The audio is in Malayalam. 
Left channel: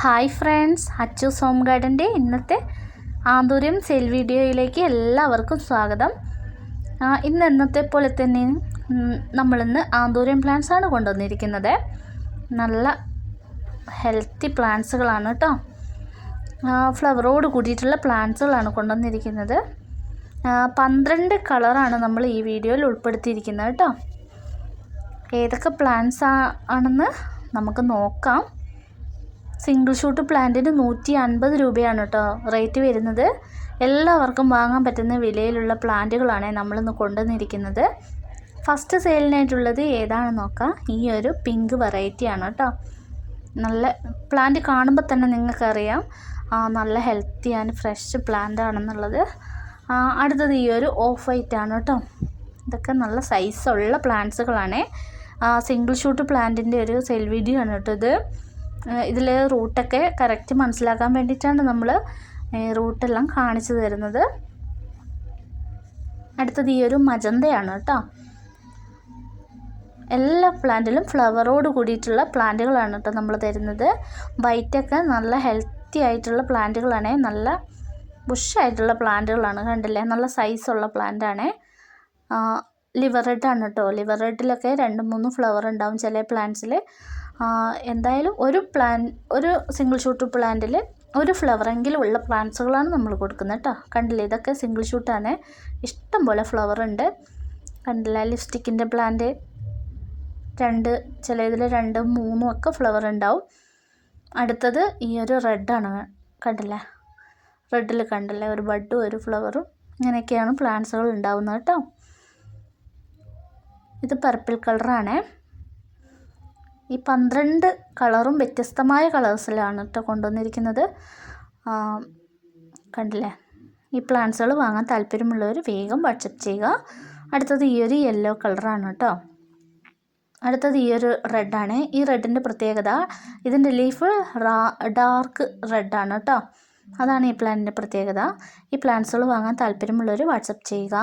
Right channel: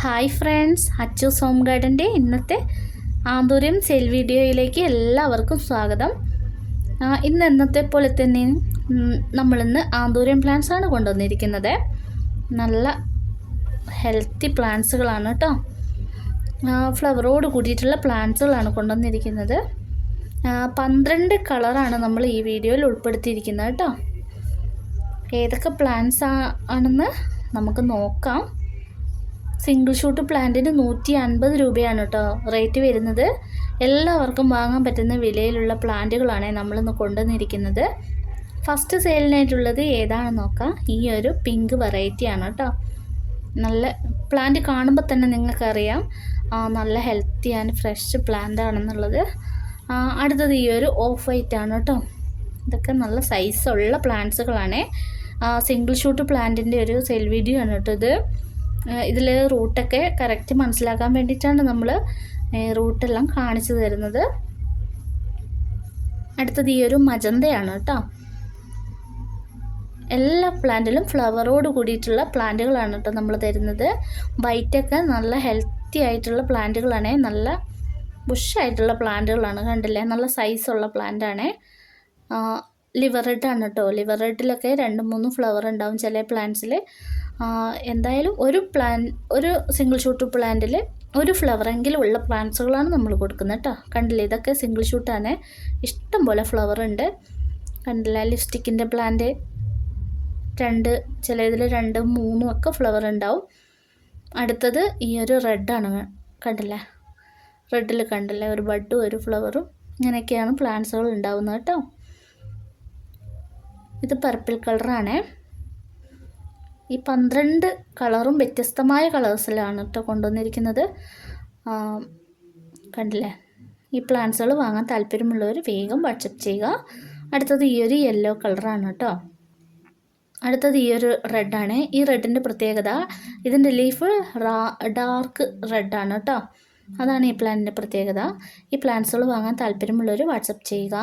ഹായ് ഫ്രണ്ട്സ് അച്ചു സോം ഗാർഡന്റെ ഇന്നത്തെ ആന്തൂര്യം സെൽ വീഡിയോയിലേക്ക് എല്ലാവർക്കും സ്വാഗതം. ഇന്ന് എന്നത്തെ പോലെ തന്നെ നമ്മളിന്ന് ആന്തൂര്യം പ്ലാന്റ്സ് ആണ് കൊണ്ടുവന്നിരിക്കുന്നത്. നല്ല ഹെൽത്തി പ്ലാന്റ്സുകളാണ് കേട്ടോ ഫ്ലവറോട് കൂടിയിട്ടുള്ള പ്ലാന്റ്സുകളാണ് കൊണ്ടുവന്നിരിക്കുന്നത്. പന്ത്രണ്ട് കളറാണ് നമ്മൾ ഈ വീഡിയോയിൽ ഉൾപ്പെടുത്തിയിരിക്കുന്നത് കേട്ടോ ഏതൊക്കെ പ്ലാന്റ്സ് ആണെന്ന് നമുക്ക് നോക്കാം. സിംഗിൾ ഷൂട്ട് പ്ലാന്റിന് നൂറ്റി അൻപത് രൂപയാണ് കേട്ടോ റേറ്റ് വരുന്നത്. എല്ലാവർക്കും വാങ്ങാൻ പറ്റുന്ന വിലയിലുള്ള പ്ലാന്റുകളാണ് നമ്മളിന്ന് കൊണ്ടുവന്നിരിക്കുന്നത്. ഫസ്റ്റ് സെയിലിനായിട്ടുള്ളത് ഏതാണെന്ന് നോക്കാം. ഈ ഒരു പിങ്ക് വെറൈറ്റിയാണ് കേട്ടോ. നല്ല പ്ലാന്റ് കാണുമ്പോൾ തന്നെ നിങ്ങൾക്കറിയാം. നല്ല ഹെൽത്തി ആൻഡ് ഫ്രഷ് പ്ലാന്റ് ആണെന്നുള്ളത്. അടുത്തത് ഈ ഒരു ഓഫ് വൈറ്റ് ആണ് കേട്ടോ. ഇതൊക്കെ നല്ല സൈസുള്ള പ്ലാന്റ്സുകളാണ്. സിംഗിൾ ഷൂട്ട് പ്ലാന്റിന്റെ ഒരു സെൽ വീഡിയോ ആണ് കേട്ടോ ഇത്. ഇതിൽ റൂട്ടൊക്കെ കറക്റ്റ് മനസ്സിലാക്കാൻ വേണ്ടിയിട്ടാണ് നമ്മൾ റൂട്ടെല്ലാം കാണിച്ചു തരുന്നത്. അടുത്തത് ഈ ഒരു മജന്തയാണ് കേട്ടോ. എല്ലാ പ്ലാന്റിലും ഫ്ലവറോട് കൂടിയിട്ടുള്ള പ്ലാന്റുകളാണ് കേട്ടോ നമ്മൾ തരുന്നത്. വൈറ്റൊക്കെ നല്ല ഹെൽത്തി ആയിട്ടുള്ള പ്ലാന്റുകളാണ്. നല്ല ബുഷായിട്ടുള്ള പ്ലാന്റുകളാണ് കണ്ടില്ലേ? നല്ല സൈസുള്ള പ്ലാന്റാണ്. ലിവർ ആണ് കേട്ടോ. ലിവർ റെഡിലൊക്കെ രണ്ട് മൂന്ന് ഫ്ലവർ ഉണ്ടാവും ചില പ്ലാന്റ്സിൽ എന്തായാലും ഒരു പ്ലാൻ ഒരു സിംഗിൾ ഷൂട്ട് പ്ലാന്റിൽ ഒരു ഫ്ലവറെങ്കിലും ഉള്ള പ്ലാന്റ്സുകളാണ് നമ്മൾ കൊടുക്കുന്നത് കേട്ടോ കണ്ടില്ലേ? ഇതൊക്കെ സിംഗിൾ ഷൂട്ടാണ് ഇഷ്ടം പോലെ ഫ്ലവർ ഉണ്ട്. കണ്ടില്ല? ലിപ്സ്റ്റിക്കിന്റെ പ്ലാന്റ് രണ്ട് ചില ഇതിൽ രണ്ടും മൂന്നും ഒക്കെ ഫ്ലവർ ഉണ്ടാവും. അടുത്തത് ഈ ഒരു റെഡാണ് കണ്ടില്ലേ? റെഡിൽ കണ്ടില്ലേ? ഒരു ബഡും ഒരു ഫ്ലവറും ഇങ്ങനെയൊക്കെയാണ് പ്ലാന്റ്സുകൾ ഉണ്ടാവുന്നത് കേട്ടോ ഇത് പർപ്പിൾ കളറാണ് ഈ പന്ത്രണ്ട് കളറും വ്യത്യസ്തമായ കളേഴ്സിലാണ് കേട്ടോ കൊണ്ടുവന്നിരിക്കുന്നത്. കണ്ടില്ലേ? ഈ പ്ലാന്റ്സുകൾ വാങ്ങാൻ താല്പര്യമുള്ളവർ വേഗം വാട്സപ്പ് ചെയ്യുക. അടുത്തത് ഈ ഒരു യെല്ലോ കളറാണ് കേട്ടോ അടുത്തത് ഈ ഒരു റെഡാണ്. ഈ റെഡിന്റെ പ്രത്യേകത ഇതിന്റെ ലീഫ് ഡാർക്ക് റെഡാണ് കേട്ടോ അതാണ് ഈ പ്ലാന്റിന്റെ പ്രത്യേകത. ഈ പ്ലാന്റ്സുകൾ വാങ്ങാൻ താല്പര്യമുള്ളവർ വാട്സപ്പ് ചെയ്യുക.